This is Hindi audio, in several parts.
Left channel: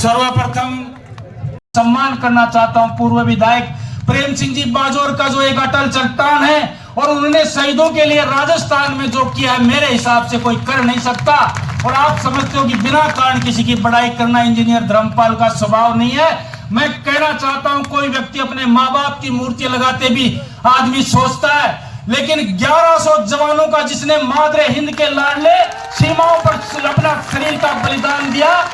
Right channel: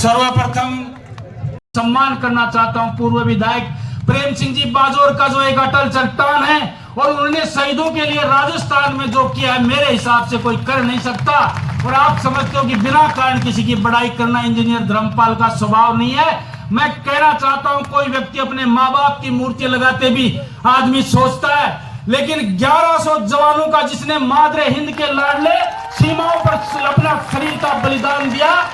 सर्वप्रथम सम्मान करना चाहता हूं पूर्व विधायक प्रेम सिंह जी बाजोर का, जो एक अटल चट्टान है और उन्होंने शहीदों के लिए राजस्थान में जो किया है मेरे हिसाब से कोई कर नहीं सकता। और आप समझते हो कि बिना कारण किसी की बड़ाई करना इंजीनियर धर्मपाल का स्वभाव नहीं है। मैं कहना चाहता हूं कोई व्यक्ति अपने माँ बाप की मूर्ति लगाते भी आदमी सोचता है, लेकिन 1100 जवानों का जिसने मादरे हिंद के लाडले सीमाओं पर अपना शरीर का बलिदान दिया,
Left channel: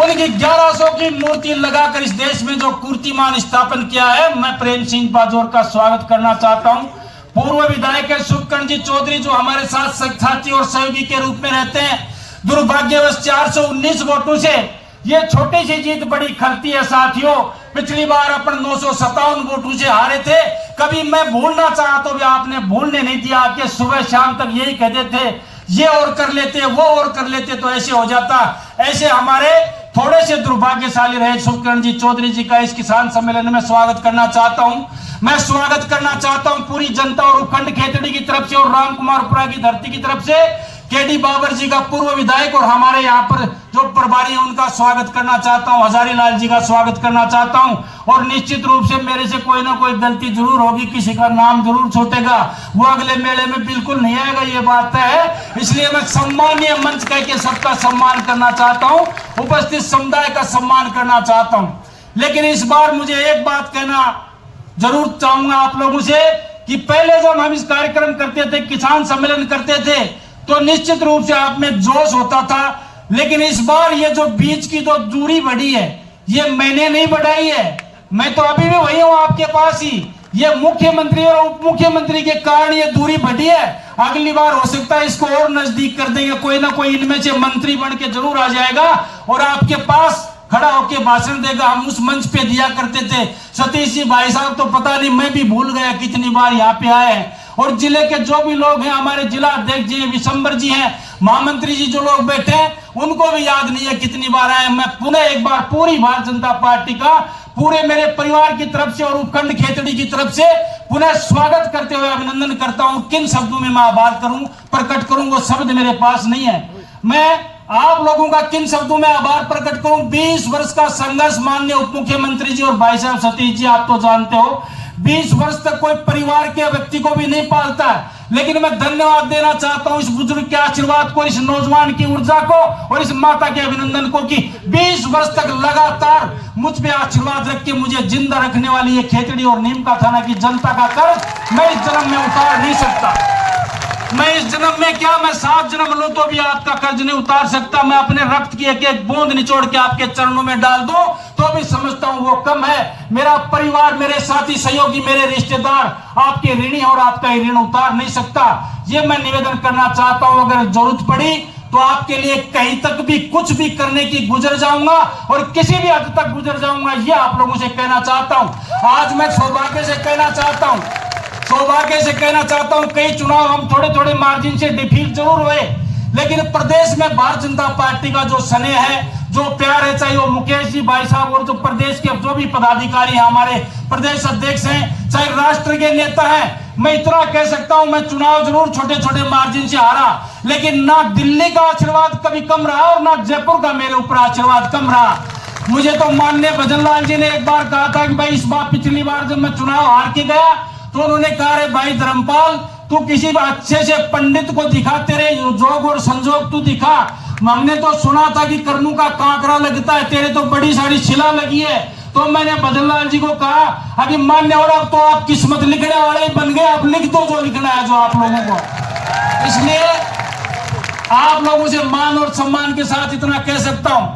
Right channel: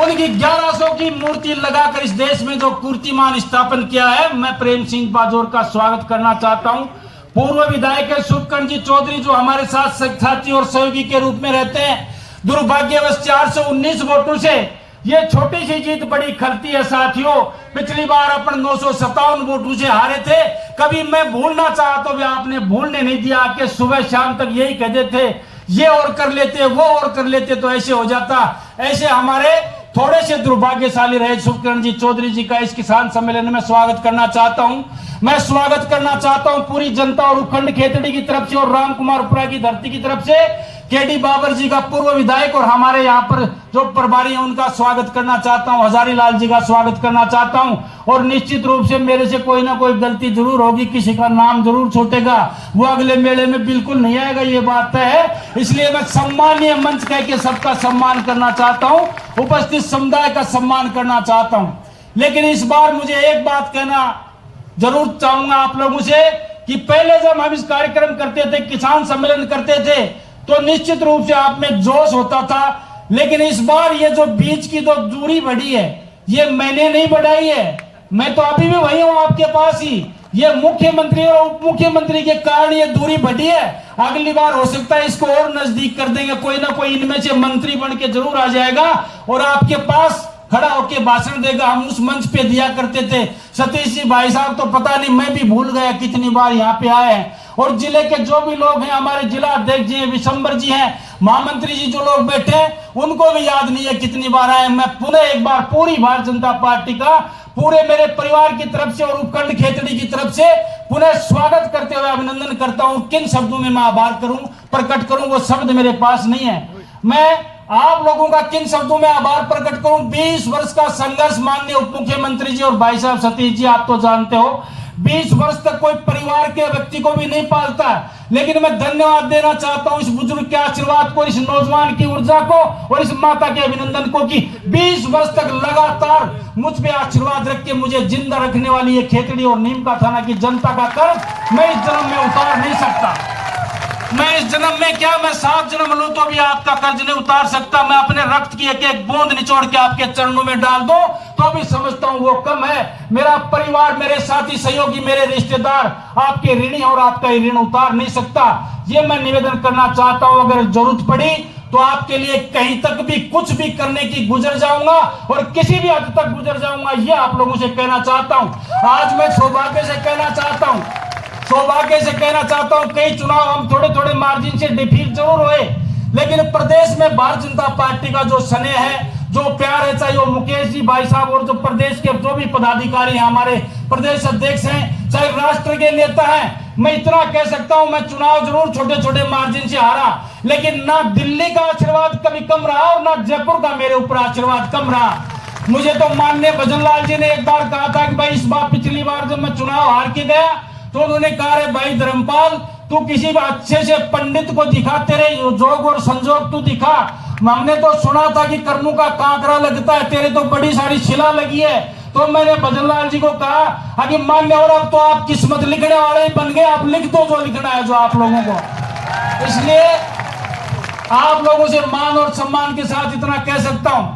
उनकी 1100 की मूर्ति लगाकर इस देश में जो कीर्तिमान स्थापन किया है, मैं प्रेम सिंह बाजोर का स्वागत करना चाहता हूं। पूर्व विधायक है सुखकर्ण जी चौधरी, जो हमारे साथ साथी और सहयोगी के रूप में रहते हैं। दुर्भाग्यवश 419 वोटों से ये छोटी सी जीत बड़ी खलती है साथियों। पिछली बार अपन 957 वोटों से हारे थे। कभी मैं भूलना चाहा तो भी आपने भूलने नहीं दिया कि सुबह शाम तक यही कहते थे, ये और कर लेते वो और कर लेते तो ऐसे हो जाता। ऐसे हमारे थोड़े से दुर्भाग्यशाली रहे। सुखकर्ण जी चौधरी जी का इस किसान सम्मेलन में स्वागत करना चाहता हूं। मैं स्वागत करना चाहता हूं पूरी जनता और उपखंड खेतड़ी की तरफ से और राम कुमार पुरा की धरती की तरफ से केडी बाबर जी का पूर्व विधायक और हमारे यहाँ पर जो प्रभारी हैं उनका स्वागत करना चाहता हूं। हजारी लाल जी का स्वागत करना चाहता हूं। और निश्चित रूप से मेरे से कोई ना कोई गलती जरूर होगी, किसी का नाम जरूर छूटेगा, वो अगले मेले में बिल्कुल नहीं आएगा, ये बात है। इसलिए मैं सम्मानीय मंच कह के सबका सम्मान करना चाहता हूं, उपस्थित समुदाय का सम्मान करना चाहता हूं। लेकिन इस बार मुझे एक बात कहना जरूर चाहूंगा आप लोगों से कि पहले जब हम इस कार्यक्रम करते थे, किसान सम्मेलन करते थे, तो निश्चित रूप से आप में जोश होता था। लेकिन इस बार ये जो बीच की जो दूरी बढ़ी है, ये मैंने नहीं बढ़ाई है, मैं तो अभी भी वही हूं आपके पास ही। ये मुख्यमंत्री और उप मुख्यमंत्री के कारण ये दूरी बढ़ी है। अगली बार हो सकता है इसको और नजदीक कर देंगे, कोई ना कोई इनमें से मंत्री बन के जरूर आ जाएगा और आपके पास खड़ा होकर भाषण देगा। हम उस मंच पे दिया करते थे। सतीश जी भाई साहब तो पता नहीं, मैं भी भूल गया कितनी बार यहाँ पे आए हैं। और जिले के जो भी लोग हैं, हमारे जिला अध्यक्ष जी विशंबर जी हैं, महामंत्री जी जो लोग बैठे हैं, उनको भी याद नहीं है कितनी बार आए। मैं पुनः एक बार पूरी भारतीय जनता पार्टी का पूरे मेरे परिवार की तरफ से और उपखंड खेतड़ी की तरफ से पुनः स्वागत करते हुए अभिनंदन करता हूं। किन शब्दों में मैं आभार करूं, प्रकट करूं, वो शब्द मेरे पास नहीं है। मैं आप लोगों का किन शब्दों में आभार प्रकट करूं। 20 वर्ष का संघर्ष माननीय उप मुख्यमंत्री जी और भाई साहब सतीश जी, आप तो जानते हो 20 वर्ष तक कोई परिवार के व्यक्ति को भी नहीं पालता है। लेकिन मैं धन्यवाद देना चाहता हूं इस बुजुर्ग के आशीर्वाद को, इस नौजवान की ऊर्जा को और इस माता के अभिनंदन को कि 20 वर्ष तक लगातार मुझ पे आशीर्वाद रख के मुझे जिंदा रखने वाली ये खेतड़ी और नीम का थाना की जनता का कर्ज मैं इस जन्म में उतार नहीं सकता। मैं इस जन्म में क्या, मैं 7 जन्म लूं तो भी आपका कर्ज नहीं उतार सकता। मैं अपने रक्त की एक एक बूंद निचोड़ के आपके चरणों में डाल दो तो भी समझता हूं वो कम है। मेरा परिवार, मेरे साथी सहयोगी, मेरे रिश्तेदार आपके ऋणी और आपका ऋण उतार नहीं सकता। ये मैं निवेदन करना चाहता हूं। अगर जरूरत पड़ी तो आपके लिए कहीं तक भी कुछ भी करने की गुजर जाऊंगा और किसी भी हद तक गुजर जाऊंगा, ये आप लोगों से कहना चाहता हूं। आज मैं सौभाग्य से कहना चाहता हूं, कई चुनाव हम थोड़े थोड़े मार्जिन से डिफीट जरूर हुए, लेकिन प्रदेश में भारतीय जनता पार्टी का जो स्नेह है, जो प्यार है, चाहे वो मुकेश जी भाई साहब और जो प्रदेश के जो भी पदाधिकारी हैं, हमारे प्रदेश अध्यक्ष हैं, चाहे राष्ट्र के नेता हैं, मैं इतना कह सकता हूं, मैं चुनाव जरूर छोटे छोटे मार्जिन से हारा, लेकिन ना दिल्ली का आशीर्वाद कभी कम रहा और ना जयपुर का मेरे ऊपर आशीर्वाद कम रहा। मुझे तो माननीय भजनलाल जी ने एक बार कहा था कि भाई इस बार, पिछली बार जब मैं चुनाव हार के गया तो उन्होंने कहा रे भाई धर्मपाल, तू किसी अच्छे से पंडित को दिखा, तेरे जोग और संजोग तू दिखा। हमने तो सुना था कि कर्मों का कांकरा लगता है, तेरे तो बड़ी सारी शिला लगी है। तो मैंने भजनलाल जी को कहा अभी मान्य हो, अब तो आप किस्मत लिखने वाले ही बन गए, आप लिख दो जो लिखना है जो आप लोगों को। इसलिए आप लोगों से मान और सम्मान के साथ इतना कह सकता हूं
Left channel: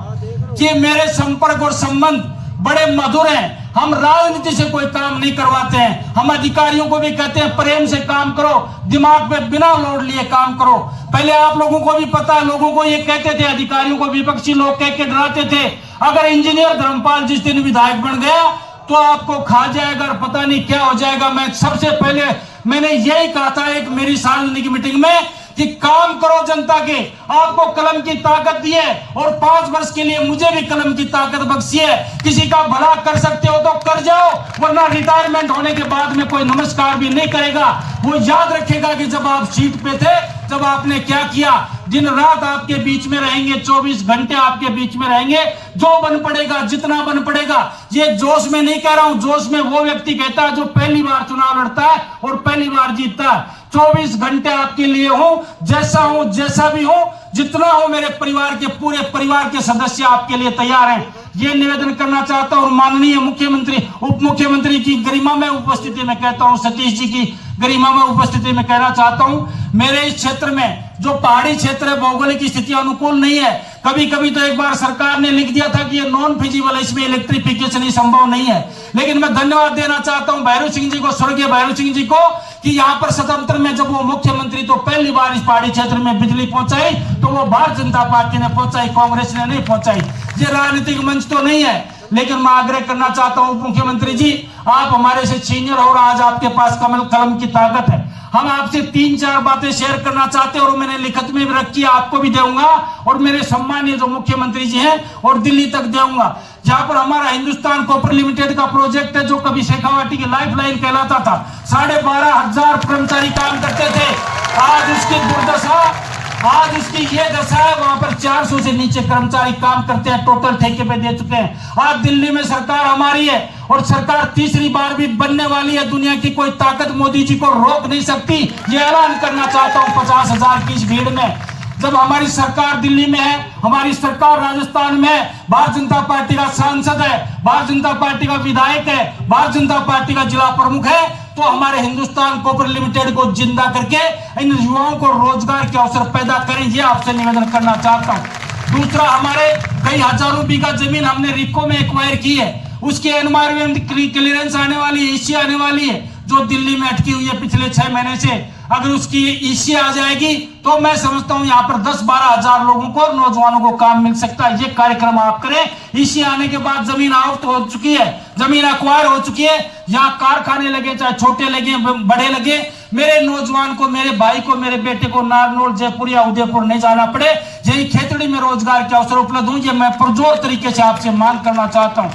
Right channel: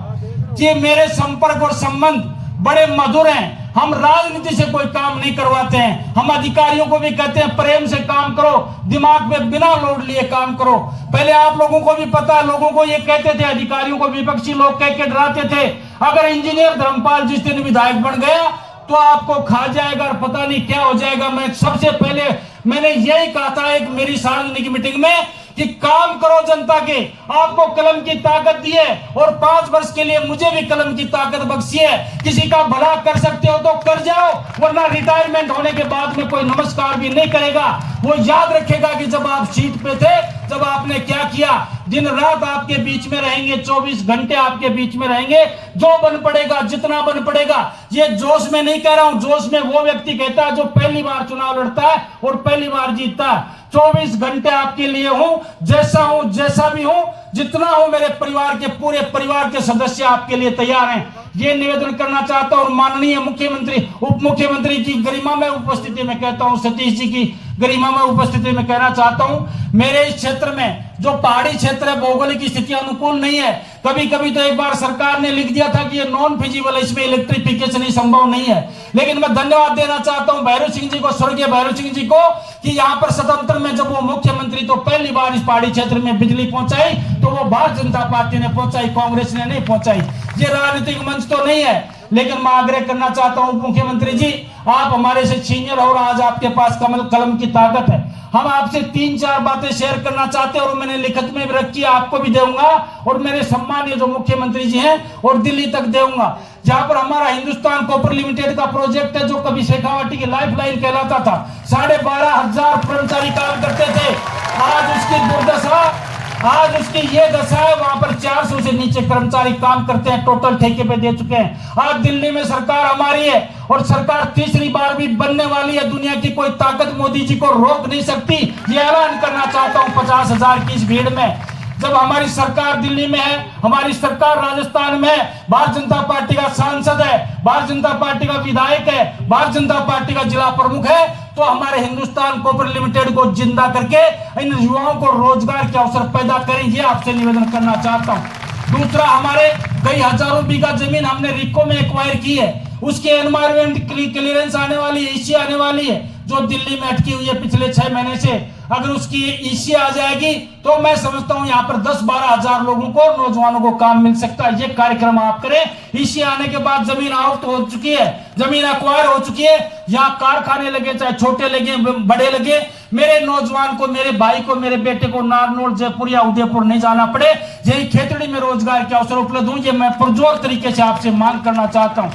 कि मेरे संपर्क और संबंध बड़े मधुर हैं। हम राजनीति से कोई काम नहीं करवाते हैं। हम अधिकारियों को भी कहते हैं प्रेम से काम करो, दिमाग पे बिना लोड लिए काम करो। पहले आप लोगों को भी पता है, लोगों को ये कहते थे, अधिकारियों को विपक्षी लोग कह के डराते थे, अगर इंजीनियर धर्मपाल जिस दिन विधायक बन गया तो आपको खा जाएगा और पता नहीं क्या हो जाएगा। मैं सबसे पहले मैंने यही कहा था एक मेरी सार्वजनिक मीटिंग में कि काम करो जनता के, आपको कलम की ताकत दी है और 5 वर्ष के लिए मुझे भी कलम की ताकत बख्शी है। किसी का भला कर सकते हो तो कर जाओ, वरना रिटायरमेंट होने के बाद में कोई नमस्कार भी नहीं करेगा। वो याद रखेगा कि जब आप सीट पे थे जब आपने क्या किया, दिन रात आपके बीच में रहेंगे, 24 घंटे आपके बीच में रहेंगे, जो बन पड़ेगा, जितना बन पड़ेगा। ये जोश में नहीं कह रहा हूं, जोश में वो व्यक्ति कहता है जो पहली बार चुनाव लड़ता है और पहली बार जीतता है। 24 घंटे आपके लिए हूं, जैसा भी हूं, जितना हो, मेरे परिवार के पूरे परिवार के सदस्य आपके लिए तैयार हैं। ये निवेदन करना चाहता हूं और माननीय मुख्यमंत्री, उप मुख्यमंत्री की गरिमा में उपस्थिति में कहता हूं, सतीश जी की गरिमा में उपस्थिति में कहना चाहता हूं, मेरे इस क्षेत्र में जो पहाड़ी क्षेत्र है, भौगोलिक स्थिति अनुकूल नहीं है। कभी कभी तो एक बार सरकार ने लिख दिया था कि ये नॉन फिजिबल है, इसमें इलेक्ट्रिफिकेशन ही संभव नहीं है। लेकिन मैं धन्यवाद देना चाहता हूं भैरव सिंह जी को, स्वर्गीय भैरव सिंह जी को, कि यहाँ पर स्वतंत्र में जब वो मुख्यमंत्री तो पहली बार इस पहाड़ी क्षेत्र में बिजली पहुंचाई, तो वो भारतीय जनता पार्टी ने पहुंचाई, कांग्रेस ने नहीं पहुंचाई। ये राजनीतिक मंच तो नहीं है, लेकिन मैं आग्रह करना चाहता हूं मुख्यमंत्री जी, आप हमारे से सीनियर और आज आपके पास कलम की ताकत है। हम आपसे 3-4 बातें शेयर करना चाहते हैं और मैंने लिखित में भी रखी है, आपको भी दूंगा और मेरे सम्मानीय जो मुख्यमंत्री जी हैं और दिल्ली तक दूंगा। जहां पर हमारा हिंदुस्तान कॉपर लिमिटेड का प्रोजेक्ट है, जो कभी शेखावाटी की लाइफलाइन कहलाता था, 12,500 कर्मचारी काम करते थे, आज उसकी दुर्दशा, आज उसकी ये दशा है, वहां पर 400 से नीचे कर्मचारी काम करते हैं, टोटल ठेके पे दे चुके हैं। आज दिल्ली में सरकार हमारी है और सरकार तीसरी बार भी बनने वाली है। दुनिया की कोई ताकत मोदी जी को रोक नहीं सकती। ये ऐलान करना चाहता हूं 50,000 की इस भीड़ में, जब हमारी सरकार दिल्ली में है, हमारी सरकार राजस्थान में है, भारतीय जनता पार्टी का सांसद है, भारतीय जनता पार्टी का विधायक है, भारतीय जनता पार्टी का जिला प्रमुख है, तो हमारे हिंदुस्तान कॉपर लिमिटेड को जिंदा करके इन युवाओं को रोजगार के अवसर पैदा करें, ये आपसे निवेदन करना चाहता हूं। दूसरा, हमारे कई हजारों बीघा जमीन हमने रिको में एक्वायर की है, उसकी एनवायरमेंट क्लियरेंस आने वाली है, ईसी आने वाली है, जो दिल्ली में अटकी हुई है पिछले 6 महीने से। अगर उसकी ईसी आ जाएगी तो मैं समझता हूं यहाँ पर 10-12 हजार लोगों को, नौजवानों को काम मिल सकता है। ये कार्यक्रम आप करें। ईसी आने के बाद जमीन आउट हो चुकी है, जमीन एक्वायर हो चुकी है, यहाँ कारखाने लगे, चाहे छोटे लगे बड़े लगे, मेरे नौजवान को, मेरे भाई को, मेरे बेटे को नारनौल, जयपुर या उदयपुर नहीं जाना पड़े, यही खेतड़ी में रोजगार के अवसर उपलब्ध हो, ये मैं पुरजोर तरीके से आपसे मांग करना चाहता हूँ।